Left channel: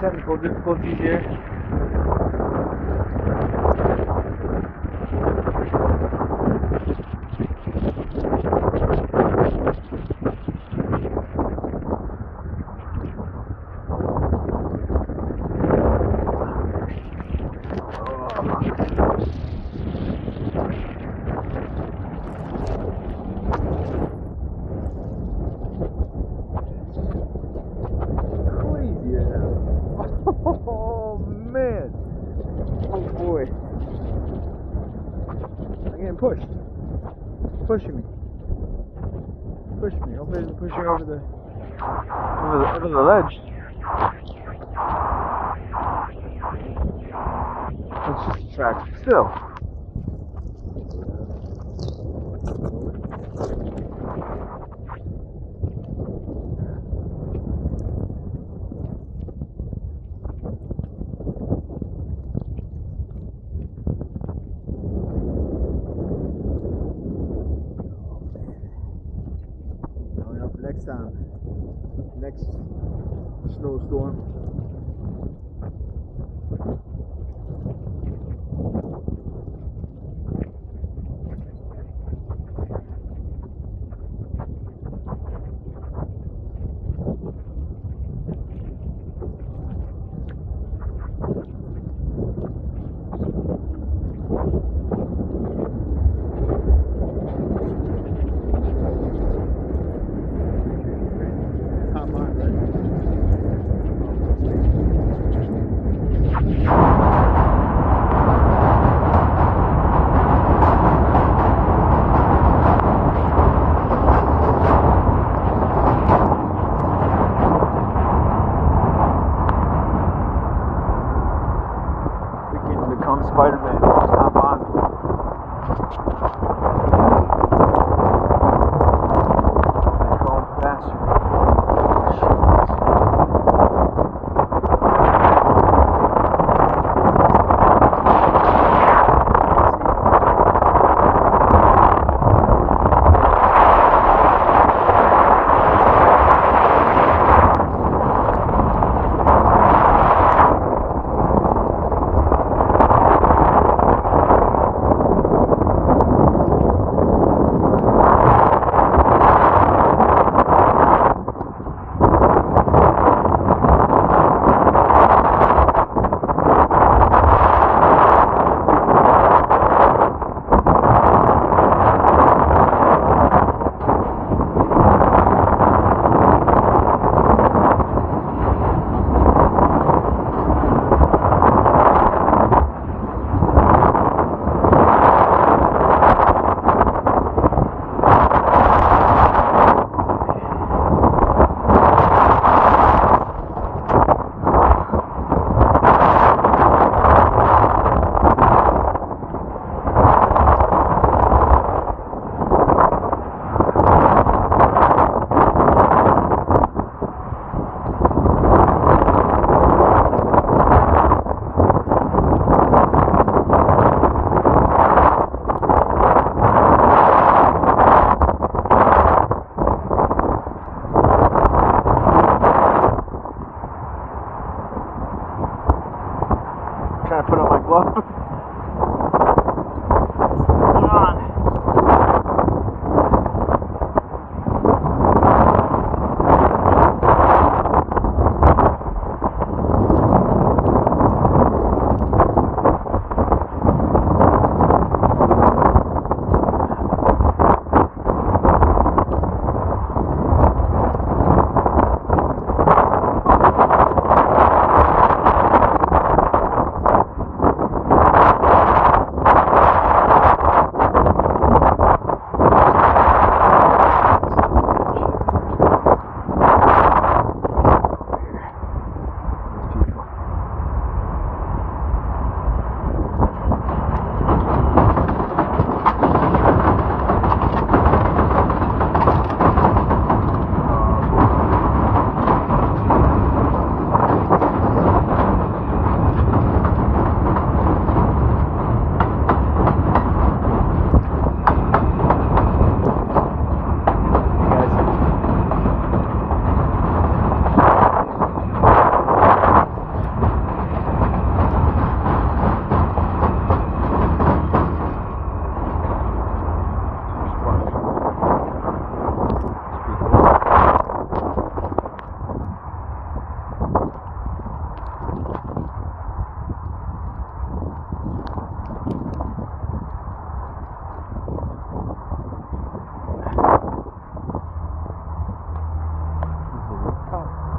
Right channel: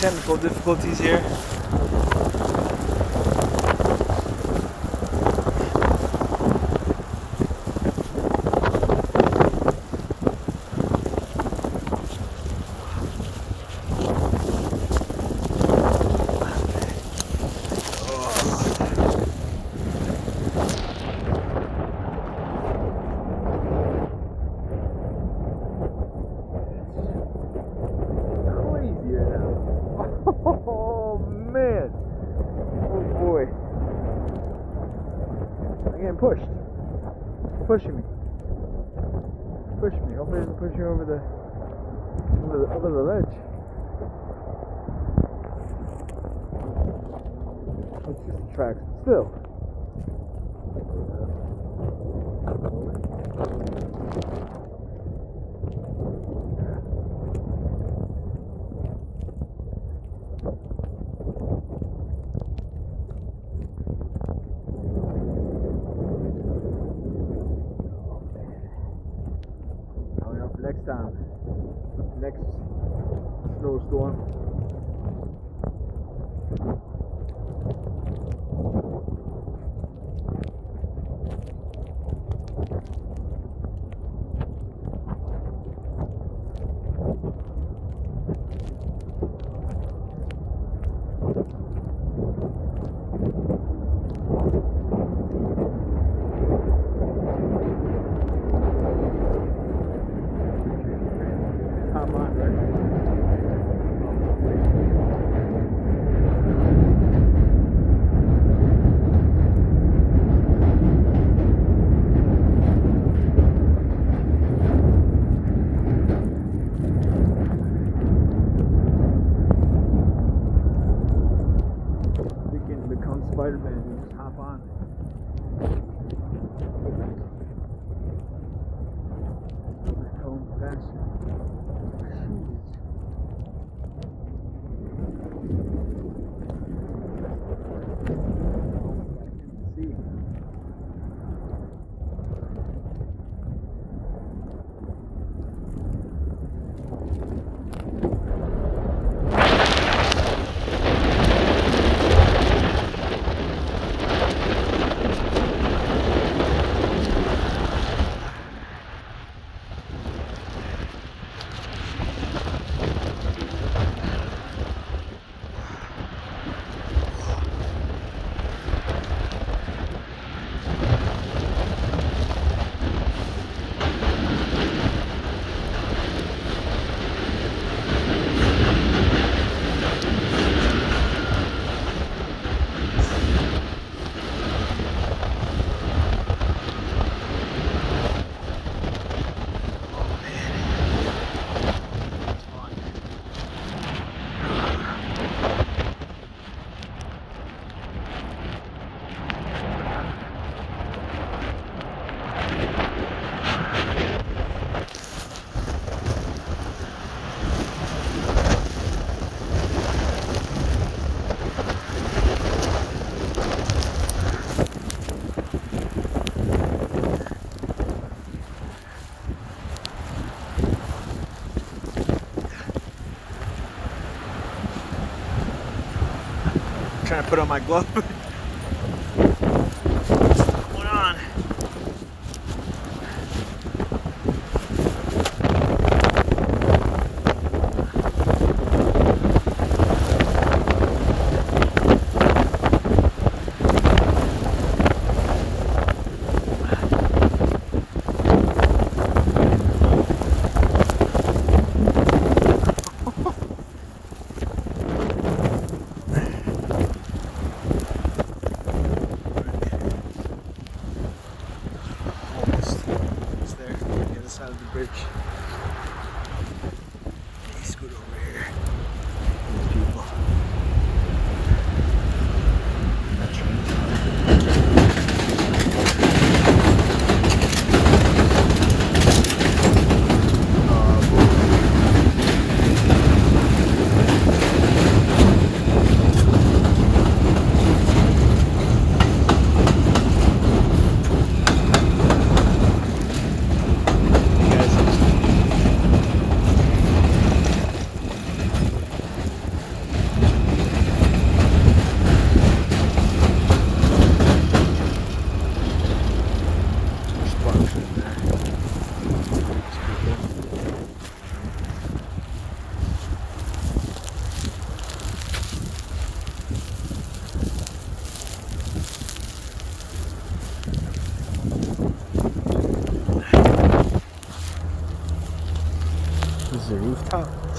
technical difficulties here. Oh man! Oh boy! I'm getting pushed. Pushing me. Pushing me. Hopefully it doesn't push me over the ledge. It's just a track. Still. Next time, next snowstorm. Spider-Man, hop on. Going faster. Trying to put on my glove. Hold on.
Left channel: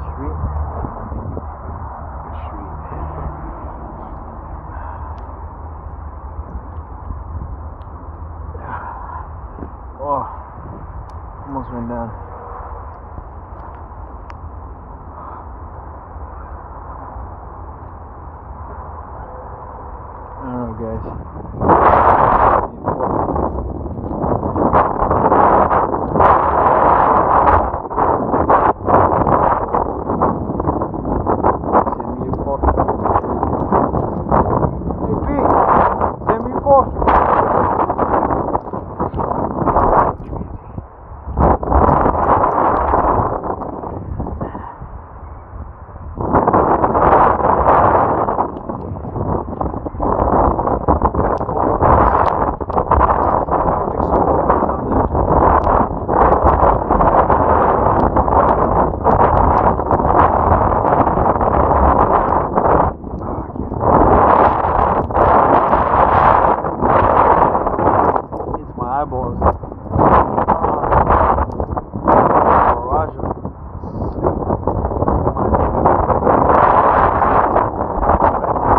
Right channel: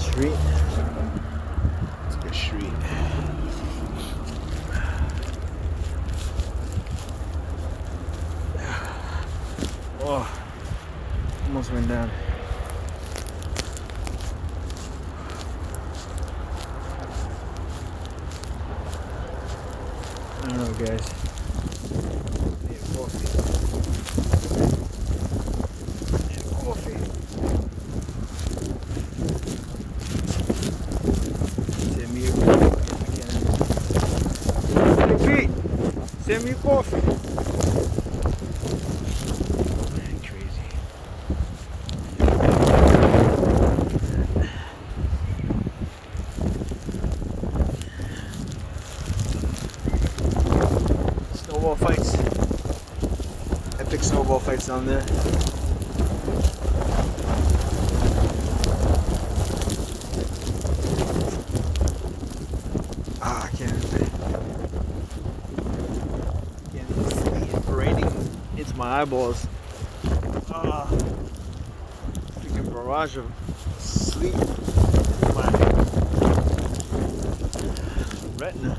Street. It's a good street. Oh, almost went down. I don't know, guys. Hey Pete, send me a coffee. Eyeballs. Barrage of sleep. My retina.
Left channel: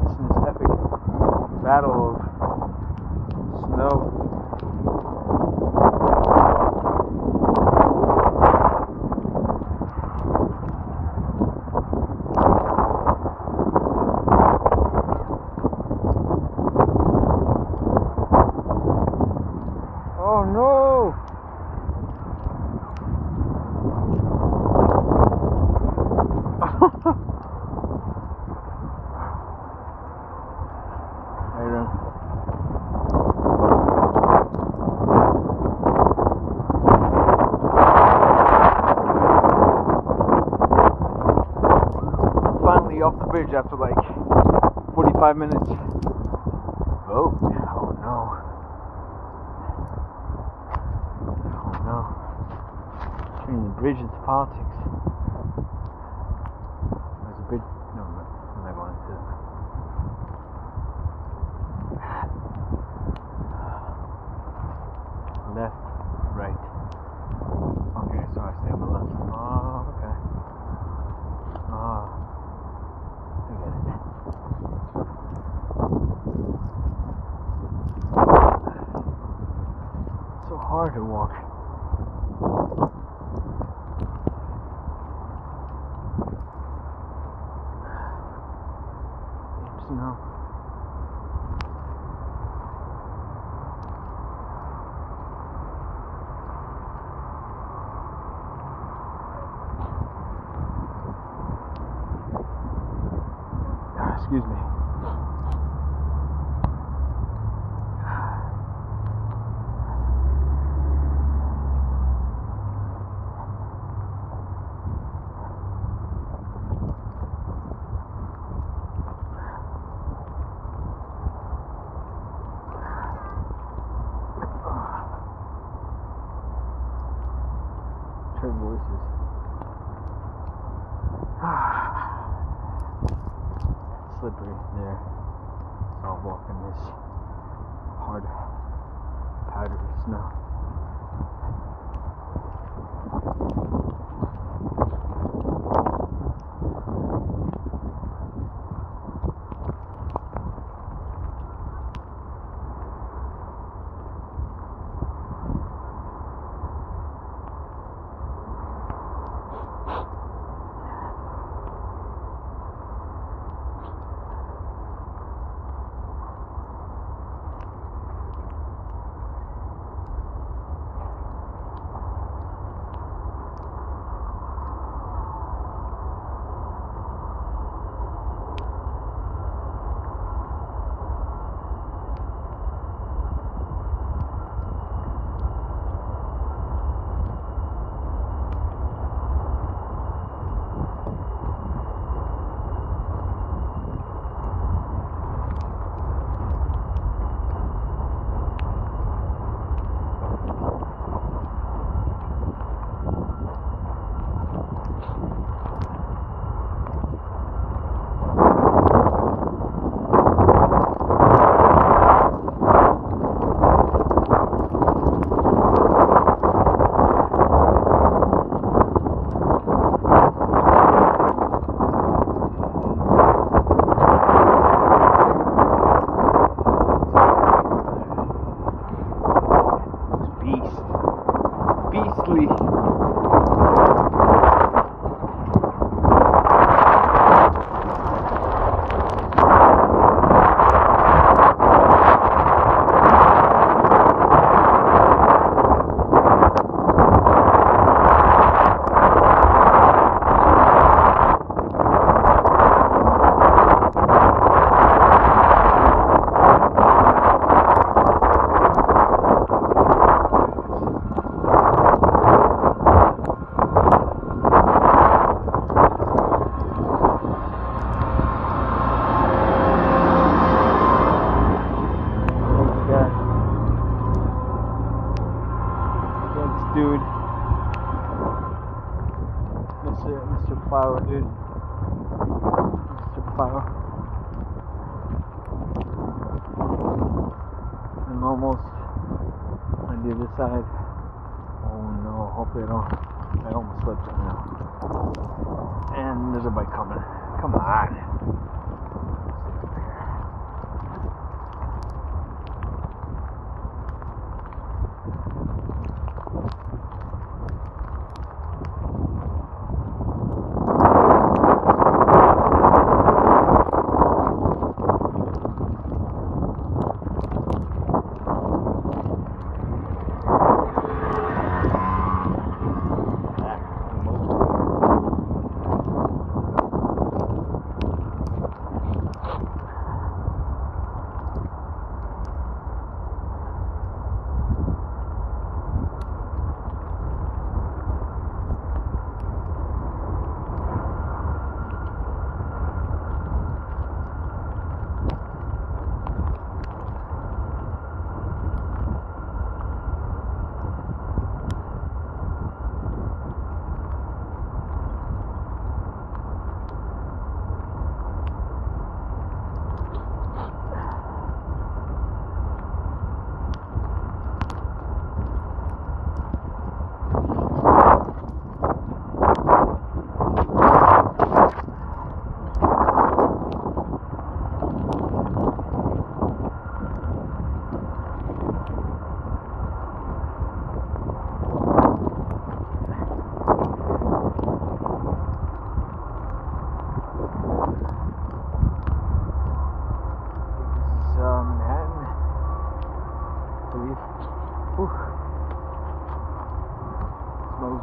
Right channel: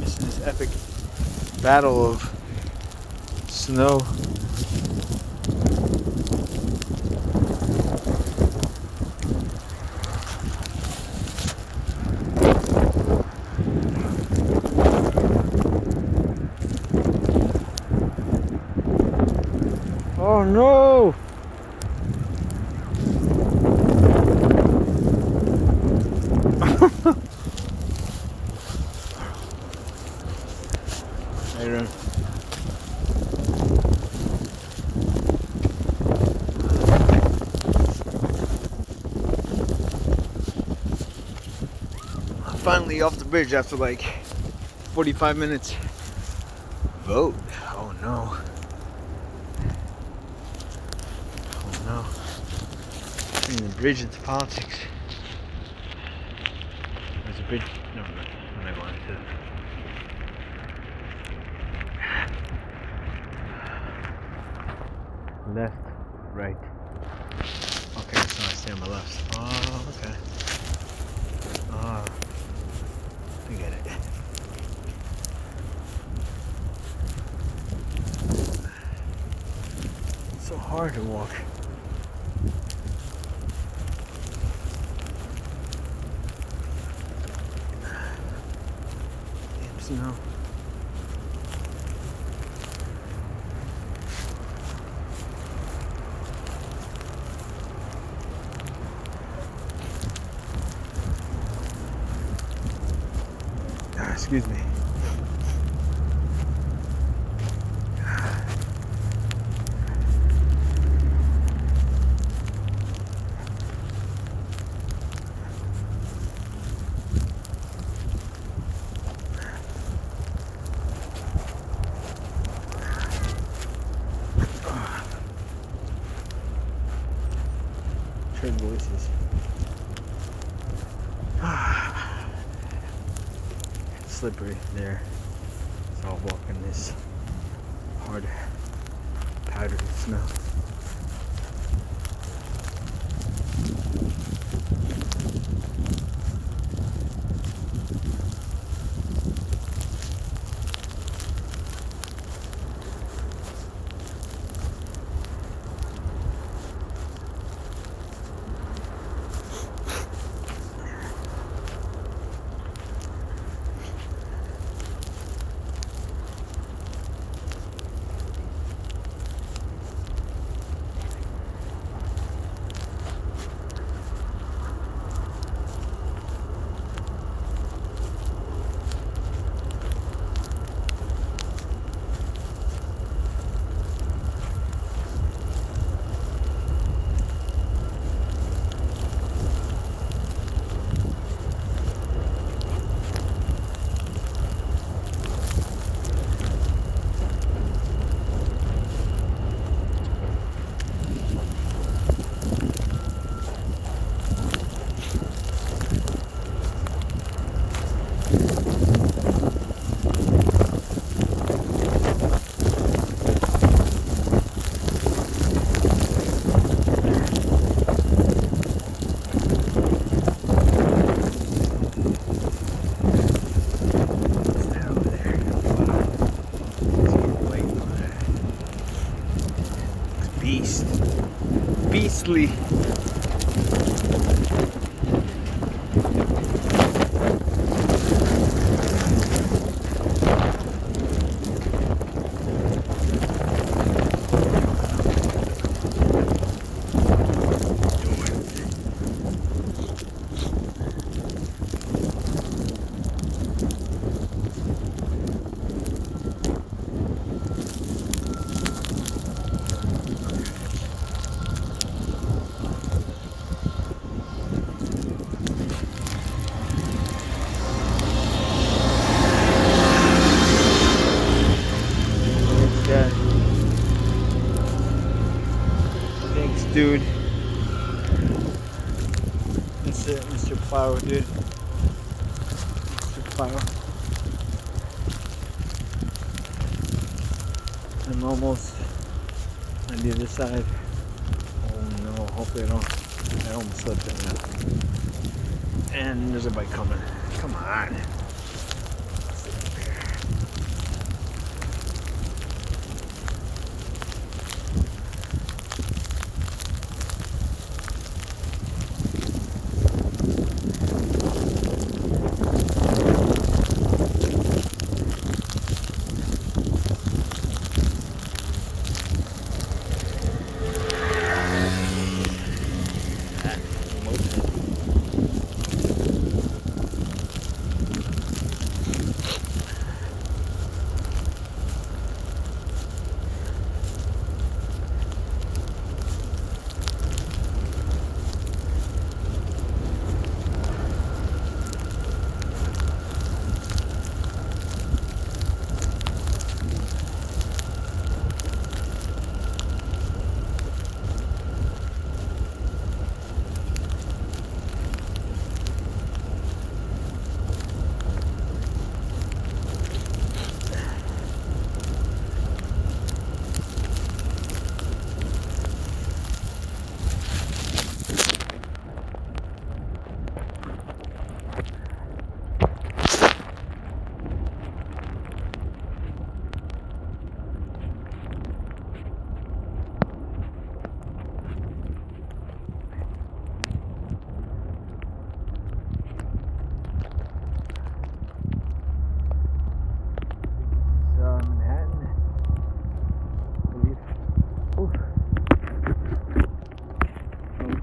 Missing this epic battle of snow. Oh no! Later. I'm finally off the bridge after like 45 minutes. Vote. Oh no. No, bring the bridge into politics. There's a bridge. No, I'm not going to. Left, right. Okay, so I stay on my left. Oh, okay. Oh, I get it. It's so hard to walk. Snow. Excuse me. Trade voices. It's slippery there. So I'll walk in this hard powdery snow. beastly. Thanks, dude. Mr. Plow, dude. Mr. Plow. I'm almost on the other side. Oh no, hopefully I almost slipped it now. And there's a bike coming. Come on.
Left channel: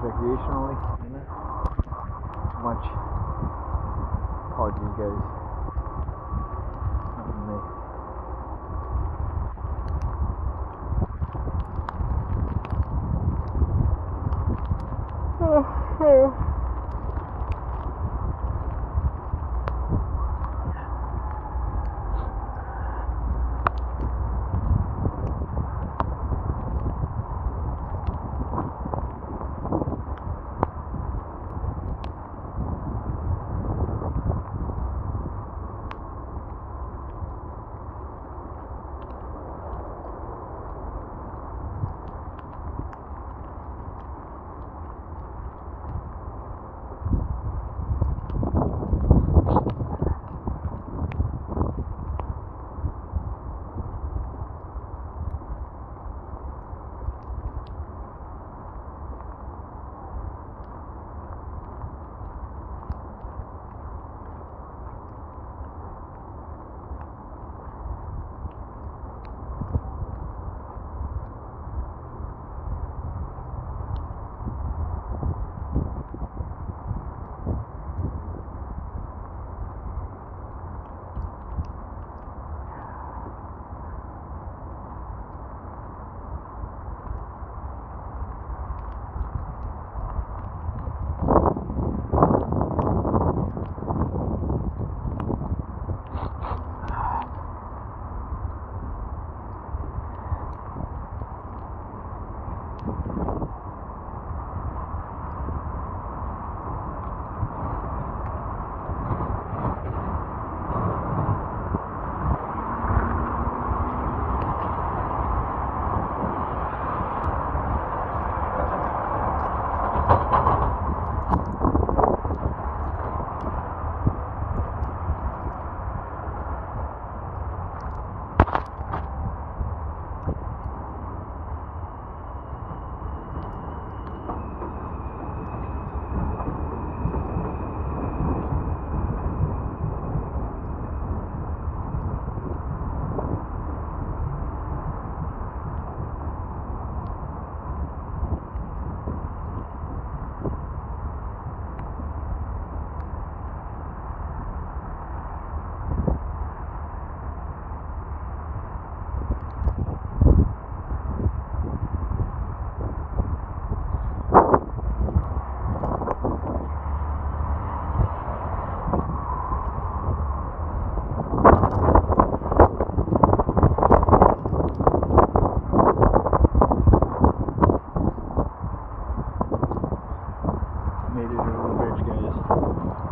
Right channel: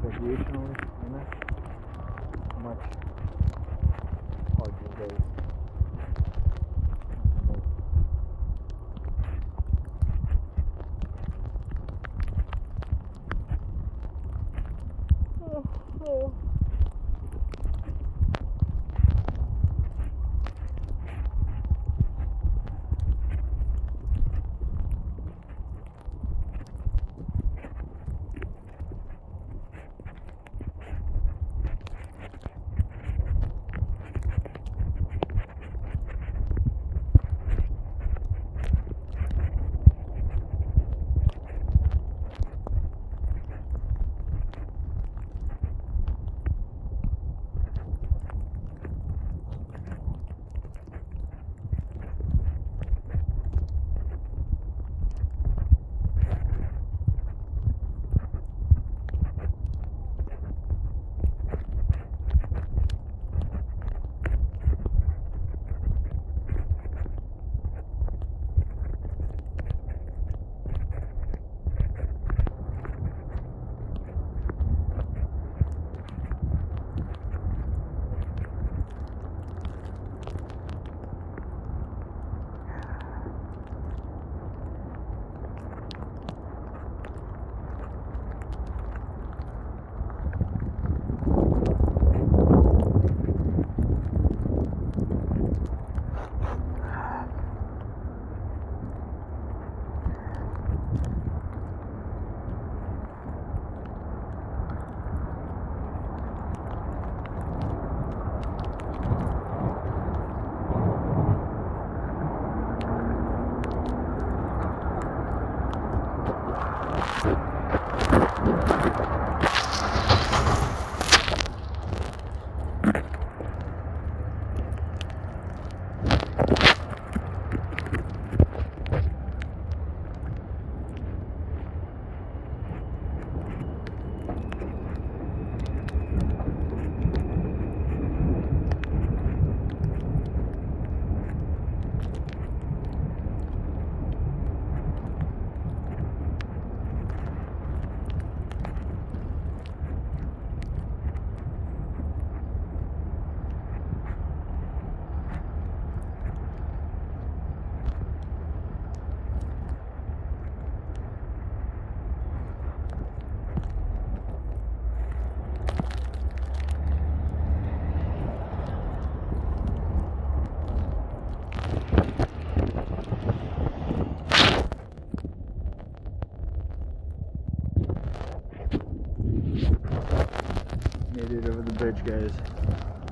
Recreationally, you know? Much hard these days. Not with me. made it over the bridge, guys.